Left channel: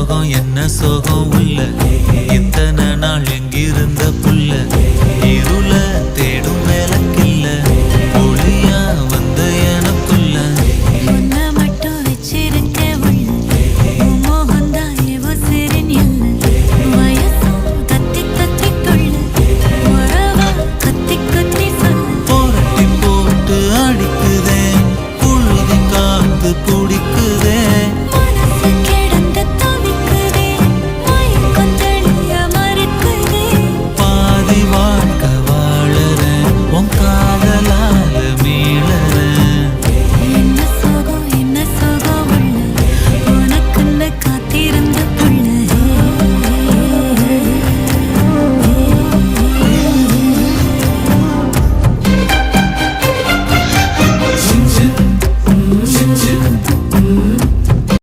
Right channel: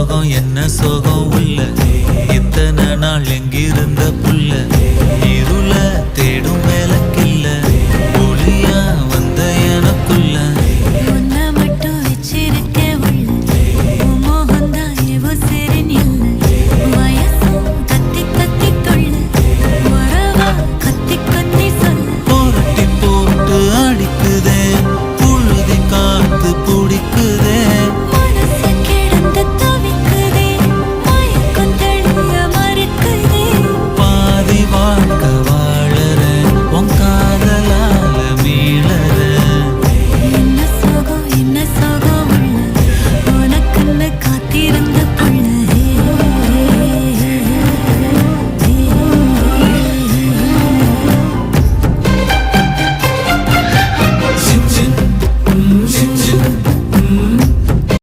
சோகம் என்ன சோகம் உள்ள இத்தனை நாள் எங்கிருந்த புல்ல இருள தேடும் வேலைக்கில்ல ஒளியா வந்த எனக்குள்ள உன்னை மட்டும் வச்சிருக்க உள்ள உன் மோகந்தான் எவோ சிறின் எல்ல வயசும் தத்தி தத்தி தொள்ள உறவா கத்தி கத்தி சொல்ல புரட்டி போட்டு அடிக்குதே புழுதி காத்து பிடிக்குதே